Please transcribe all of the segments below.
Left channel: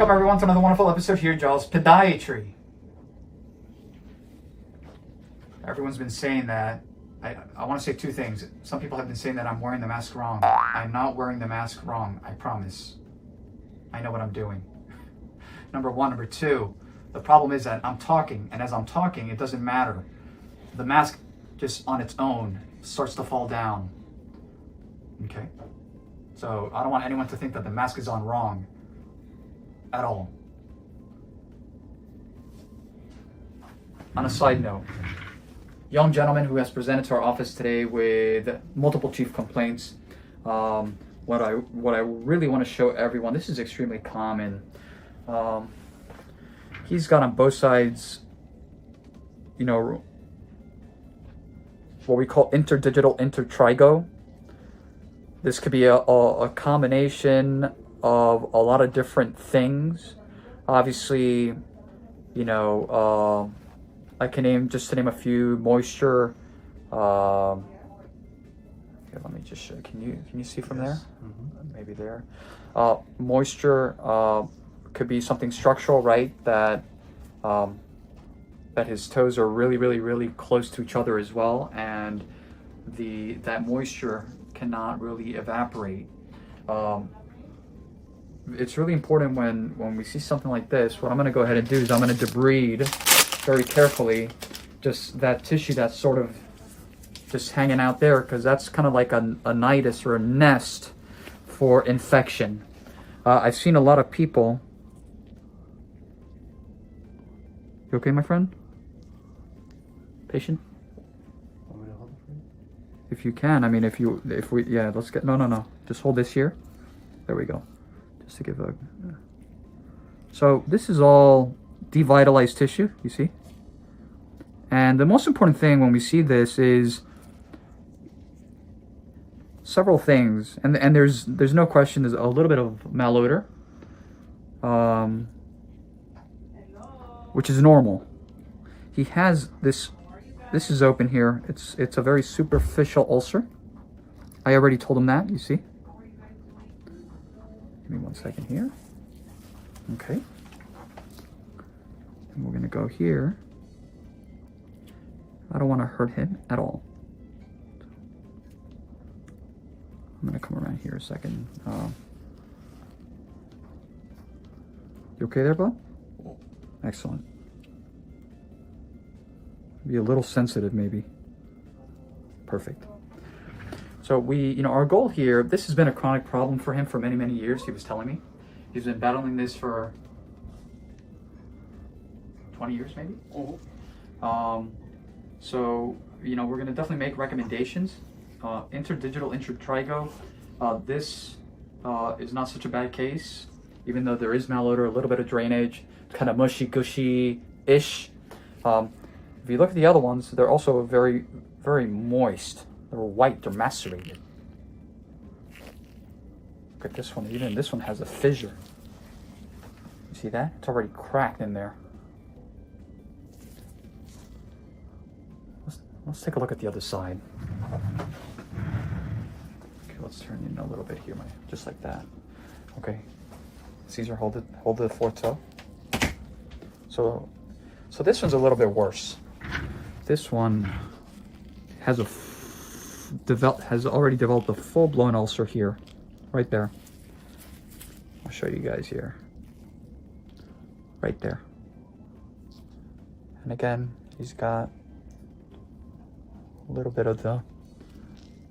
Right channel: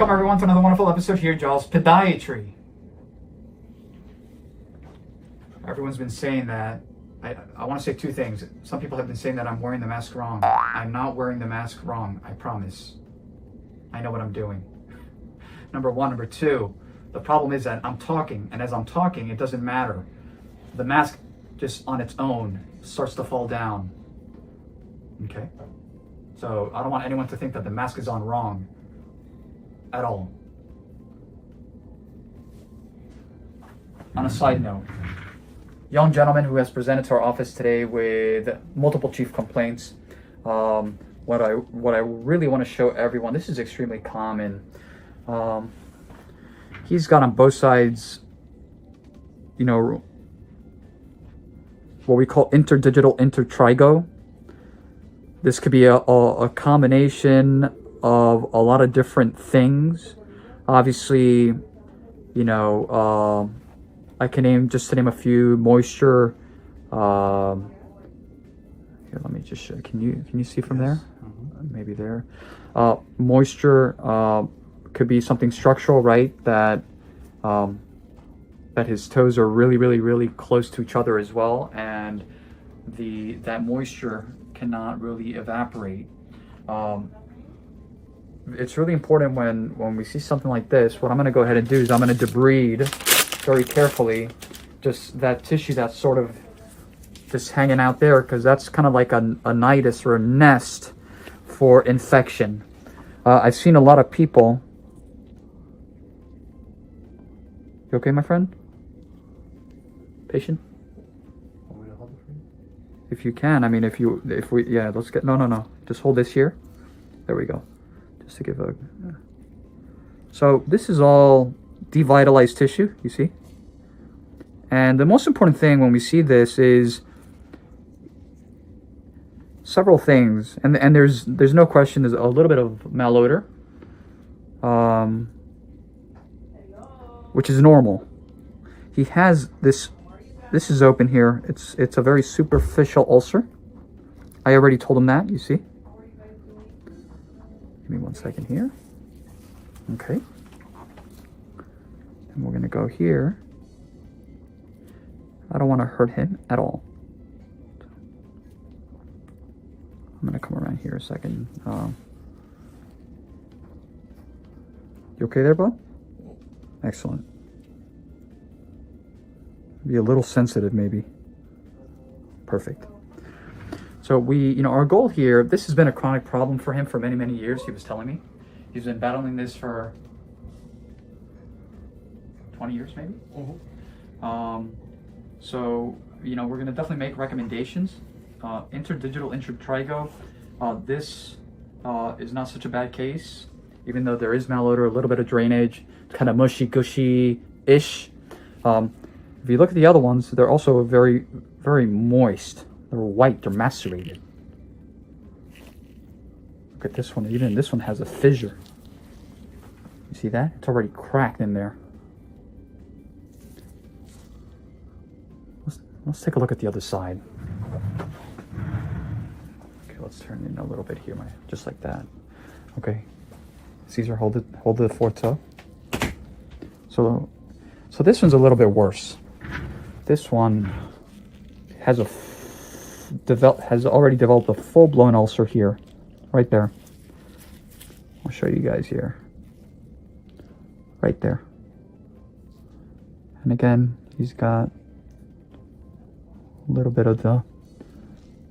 Welcome everyone to another wonderful episode here, Giles Podiatry. Everyone's been saying that, I want to say two things. Some people have been saying that I'm wearing the mask wrong. I'm not wearing the mask wrong, I promise. I know what I'm doing. Number one. Number two, the problem is that I'm talking, and as I'm talking, it doesn't matter. The mask just on its own starts to fall down. Okay? So I don't want anyone to think that the mask is on wrong at all. On a side note, young gentleman who has presented to our office today with multiple chief complaints. What I really want to show everyone, this is extremely common. He's got on both sides, you know, what we call interdigital intertrigo. This could be a combination of a lot of different things. Obviously, you know, I can name a few: moisture. Here, let me just show. Can you see from there? Mm-hmm. Maybe there. Moisture could be something structural, right? That his toes are really close to each other as well, and that moisture cannot really evaporate. It's really important when we see something like this. What I'm going to go ahead and do is I'm going to debride very carefully just that tissue that's sort of just hanging out there, because that's kind of like a nidus or a nest for infection. I've seen a lot of people. You okay, my friend? Patient? If you can, I mean, if we, yeah, let's get, no. Just hold this here. There we go. Just to give a, so this is all devitalized tissue, you see? And the most important thing when we see this is several things. And there's no question, there's a little bit of malodor, which is normal. He has this is open here. It's a very superficial ulcer. I already told him that, you see? Give me 1 second here. Okay. And we're gonna go here. I don't want to hurt him at all. I'm gonna come around here a second. You okay there, bud? Excellent. Be a little sensitive, maybe. Perfect. So our goal here, this has been a chronic problem for him for many years. He was telling me he's been battling this for 20 years, maybe. Mm-hmm. So we're going to definitely make recommendations. Interdigital intertrigo. This is not such a bad case, even though there is malodor, a little bit of drainage, kind of mushy gushy-ish. If you look at the other ones, they're also very moist. They're white, they're macerated. Look at this one, even this one has a fissure. You see that? It's already cracked in there. Let's take a look at the other side. Okay, let's turn in a little bit here, just like that. Okay, Caesar, hold the fourth toe. So this one's a little bit worse. This one has already developed a full-blown ulcer here, right there. I'll show you guys here. Right there. And again, he's got a little bit of the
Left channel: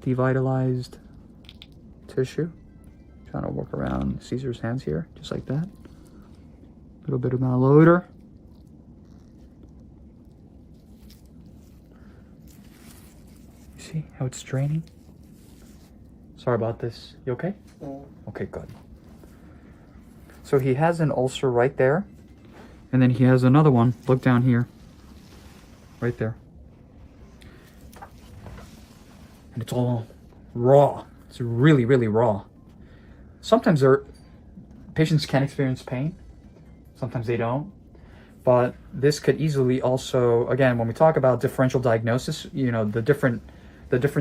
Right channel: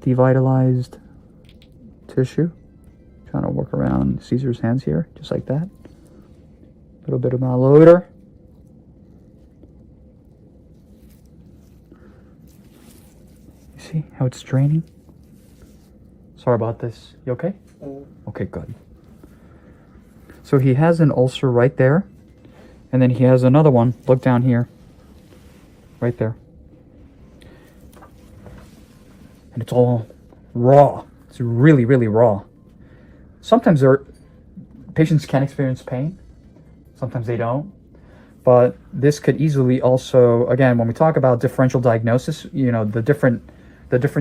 devitalized tissue. Trying to work around Caesar's hands here, just like that. A little bit of malodor. See how it's draining? Sorry about this. You okay? Okay, good. So he has an ulcer right there. And then he has another one. Look down here. Right there. And it's all raw. It's really raw. Sometimes patients can experience pain. Sometimes they don't. But this could easily also, again, when we talk about differential diagnosis, the different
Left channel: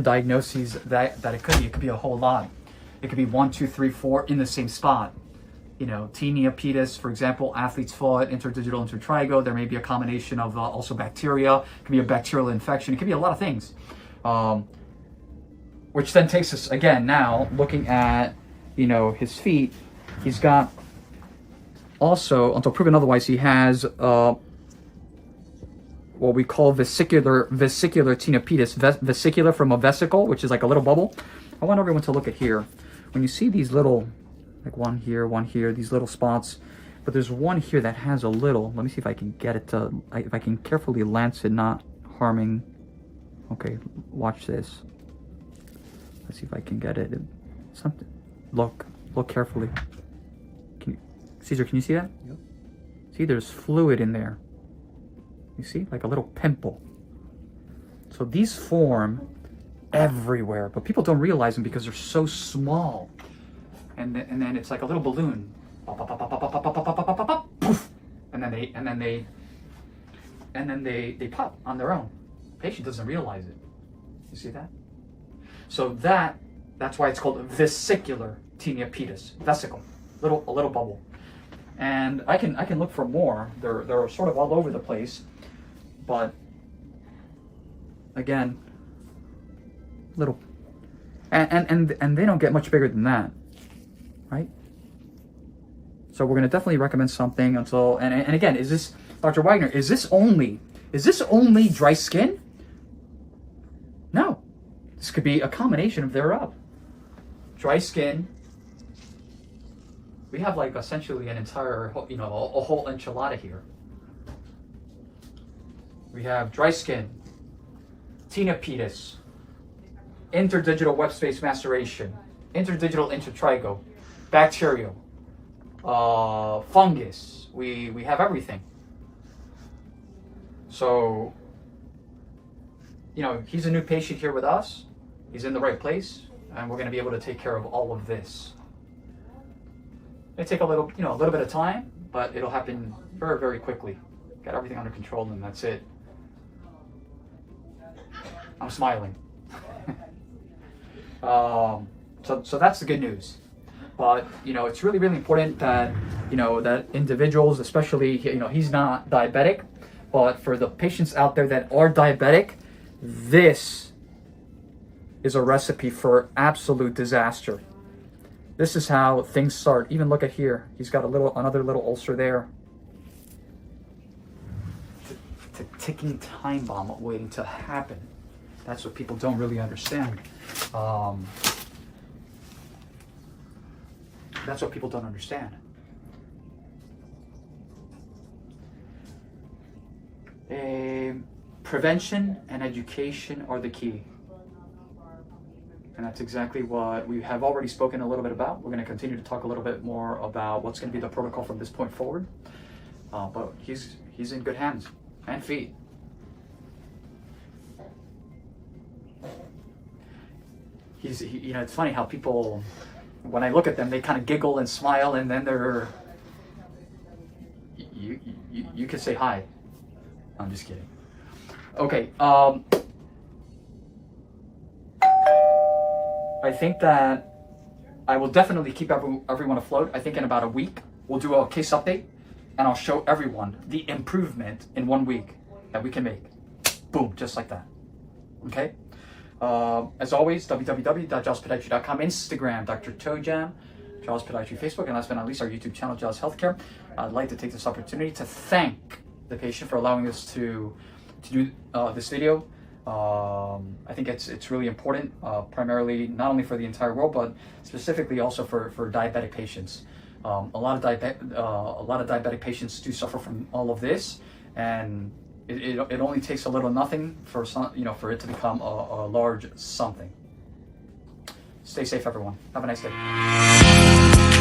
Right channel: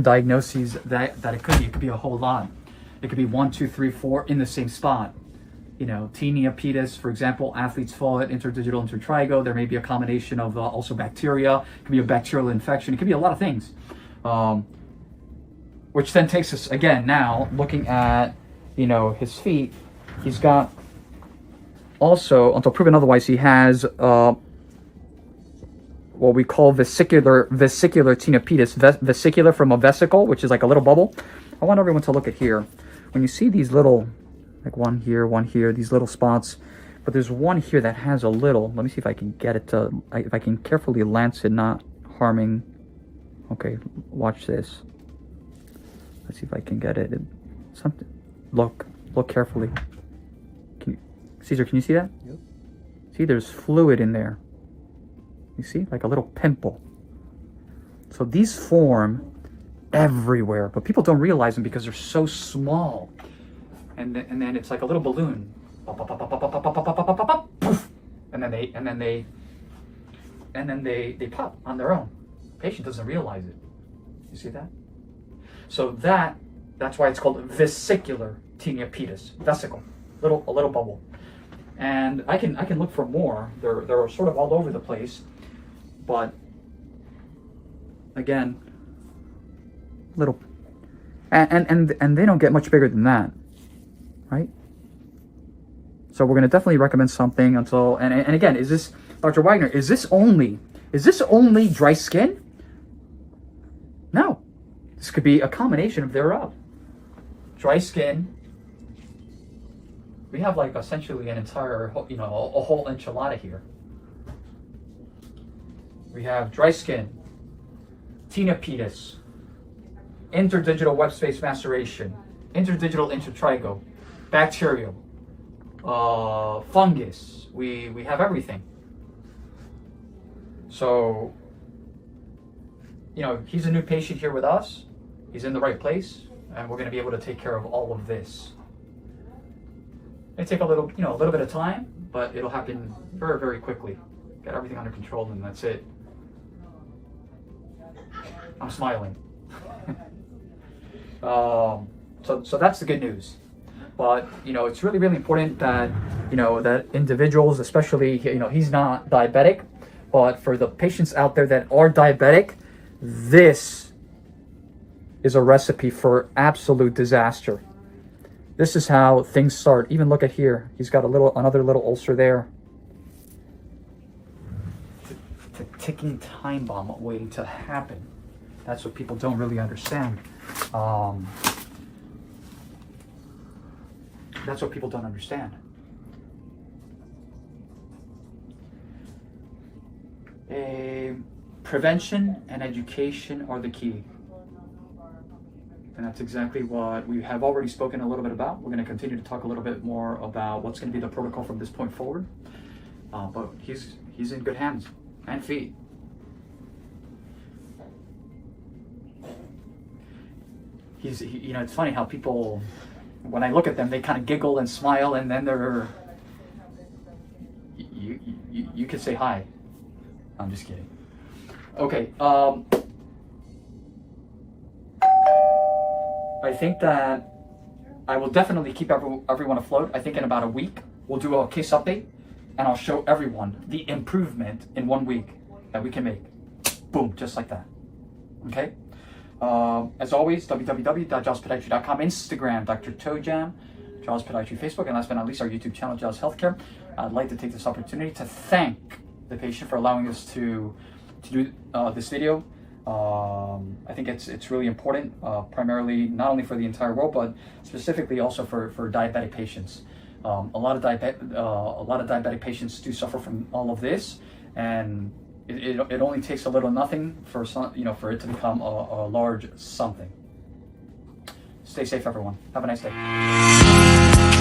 diagnoses that it could be a whole lot. It could be 1, 2, 3, 4 in the same spot. tinea pedis, for example, athlete's foot, interdigital intertrigo. There may be a combination of also bacteria. It could be a bacterial infection. It could be a lot of things. Which then takes us, again, now looking at, his feet. He's got also, until proven otherwise, he has what we call vesicular tinea pedis. Vesicular from a vesicle, which is like a little bubble. I want everyone to look at here. When you see these little, like one here, these little spots, but there's one here that has a little, let me see if I can get it to, if I can carefully lance it, not harming. Okay, watch this. Let's see if I can get it. Something, look carefully. Caesar, can you see that? Yep. See, there's fluid in there. You see, like a little pimple. So these form everywhere, but people don't realize them because they're so small. And then it's like a little balloon. And then they pop on their own. Patient doesn't realize it. You see that? So that's why it's called vesicular tinea pedis. Vesicle, a little bubble. And I can look for more. They're sort of all over the place, but again, little, and they don't get much bigger than that, right? So we're gonna definitely recommend something until, and again, is this, Dr. Wagner, is this only dry skin? No, this could be a combination of thereof. Dry skin. We have like essentially an entire, a whole enchilada here. We have dry skin, tinea pedis, interdigital web space maceration, interdigital intertrigo, bacterial, fungus. We have everything. So, he's a new patient here with us. He's in the right place, and we're going to be able to take care of all of this. It may take a little bit of time, but it'll happen very, very quickly. Got everything under control, and that's it. I'm smiling. So that's the good news. But it's really, really important that that individuals, especially he's not diabetic, but for the patients out there that are diabetic, this is a recipe for absolute disaster. This is how things start. Even look at here. He's got another little ulcer there. It's a ticking time bomb waiting to happen. That's what people don't really understand. That's what people don't understand. Prevention and education are the key. And that's exactly what we have already spoken a little bit about. We're going to continue to talk a little bit more about what's going to be the protocol from this point forward. But he's in good hands and feet. It's funny how people, when I look at them, they kind of giggle and smile, and then you could say hi. I'm just kidding. Okay. I think that I will definitely keep everyone afloat. I think in about a week, we'll do a case update, and I'll show everyone the improvement in 1 week that we can make. Boom, just like that. Okay? As always, www.jawspodiatry.com, Instagram, Dr. Tojam, Jaws Podiatry, Facebook, and last but not least, our YouTube channel, Jaws Healthcare. I'd like to take this opportunity to thank the patient for allowing us to do this video. I think it's really important, primarily not only for the entire world, but specifically also for diabetic patients. A lot of diabetic patients do suffer from all of this, and it only takes a little nothing for for it to become a large something. Stay safe, everyone. Have a nice day.